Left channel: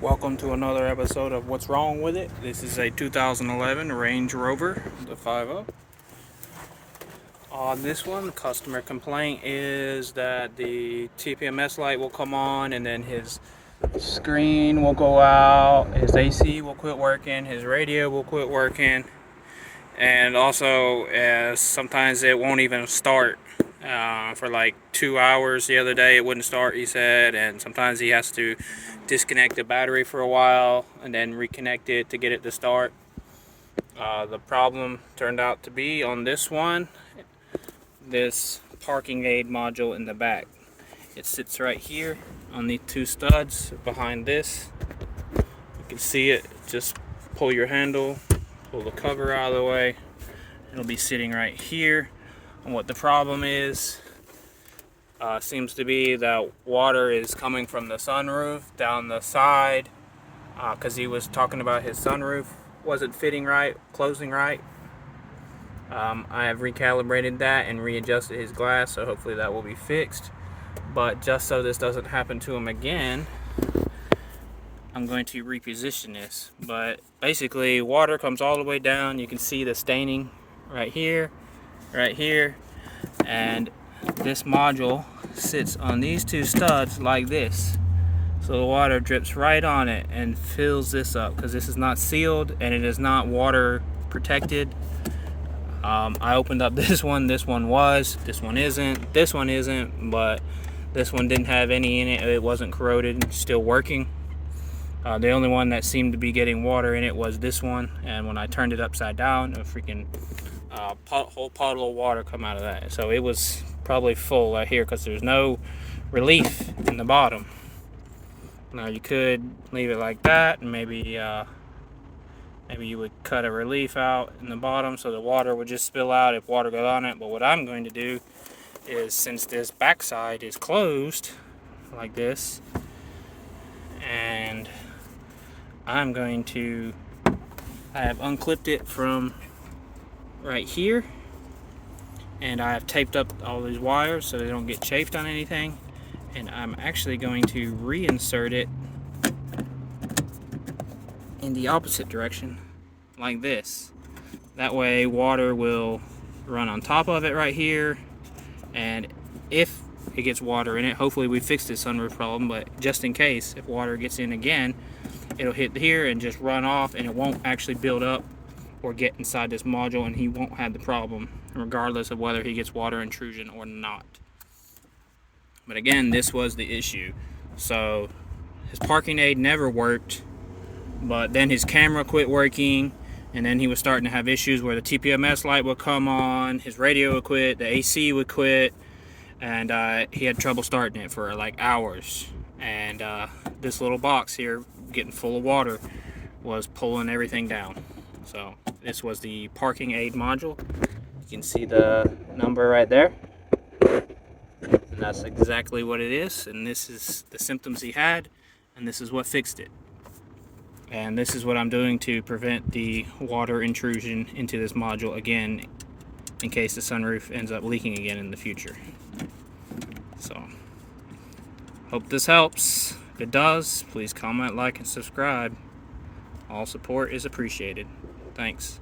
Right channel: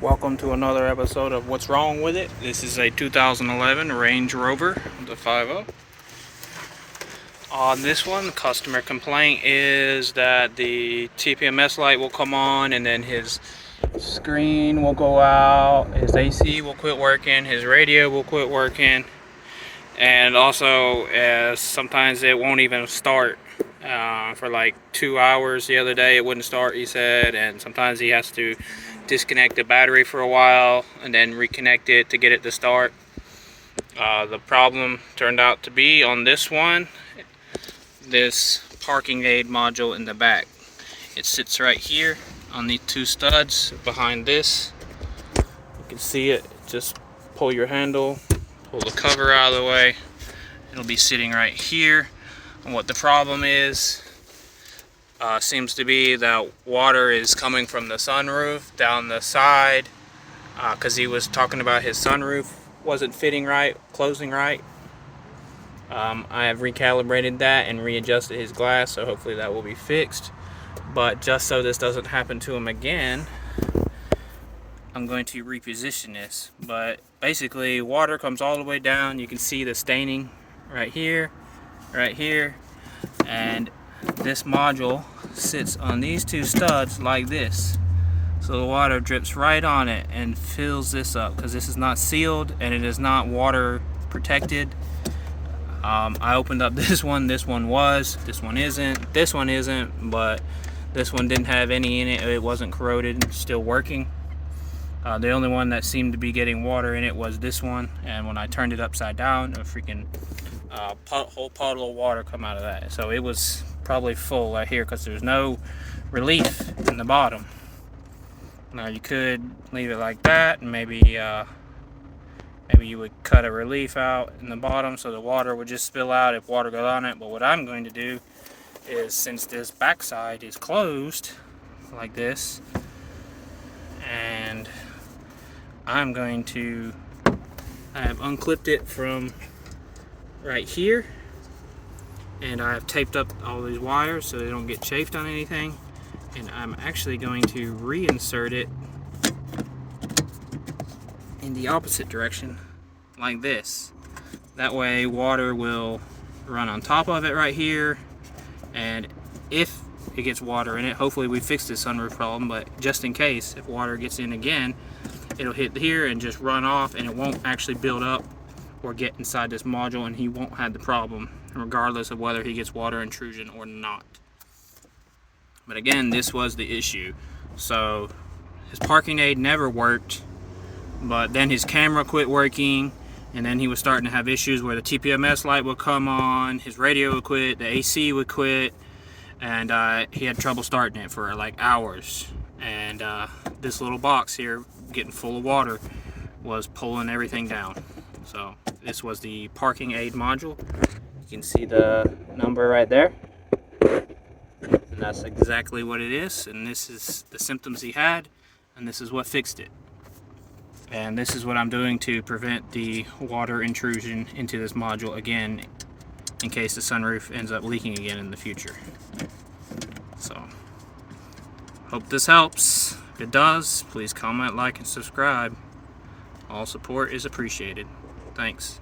Welcome to another episode of What's Wrong With It. This is a 2011 Range Rover, the 5.0. On this one, the customer complaint is that the tpms light will come on and then his screen will go out, his AC will quit working, his radio will quit working, and also sometimes it won't even start. For like 2 hours the other day it wouldn't start, he said, and sometimes he has to disconnect the battery for a while and then reconnect it to get it to start. The problem turned out to be on this one, this parking aid module in the back. It sits right here on these two studs behind this. You can see it. Just pull your handle, pull the cover out of the way. It'll be sitting right here. And what the problem is, seems to be that water is coming from the sunroof down the side, because he was talking about his sunroof wasn't fitting right, closing right. I have recalibrated that and readjusted his glass, so hopefully that will be fixed. But just so this doesn't happen to him again, I'm going to reposition this. But basically, water comes all the way down. You can see the staining right here, and this module sits on these two studs like this, so the water drips right on it and fills this up, because this is not sealed and it is not water protected. I opened up this one was, this one isn't, but this one didn't have any in it. It wasn't corroded, it's still working. The only one that seemed to be getting water in it was this one, and when I turned it upside down, a freaking whole puddle of water come out of that. So it was probably full right here, because there's no relief in the bottom. Now you could leave it like that, and maybe you would cut a relief out in the bottom so the water would just spill out if water got on it. But what I'm going to do is, since this backside is closed like this, and I have unclipped it from right here, and I have taped up all these wires so they don't get chafed on anything, and I'm actually going to reinsert it in the opposite direction like this. That way water will run on top of it right here, and if it gets water in it, hopefully we fixed this sunroof problem, but just in case, if water gets in again, it'll hit here and just run off, and it won't actually build up or get inside this module, and he won't have the problem regardless of whether he gets water intrusion or not. But again, this was the issue. So his parking aid never worked, but then his camera quit working, and then he was starting to have issues where the tpms light would come on, his radio would quit, the AC would quit, and he had trouble starting it for like hours. And this little box here, getting full of water, was pulling everything down. So this was the parking aid module. You can see the number right there, and that's exactly what it is. And this is the symptoms he had, and this is what fixed it. And this is what I'm doing to prevent the water intrusion into this module again, in case the sunroof ends up leaking again in the future. So hope this helps. If it does, please comment, like, and subscribe. All support is appreciated. Thanks.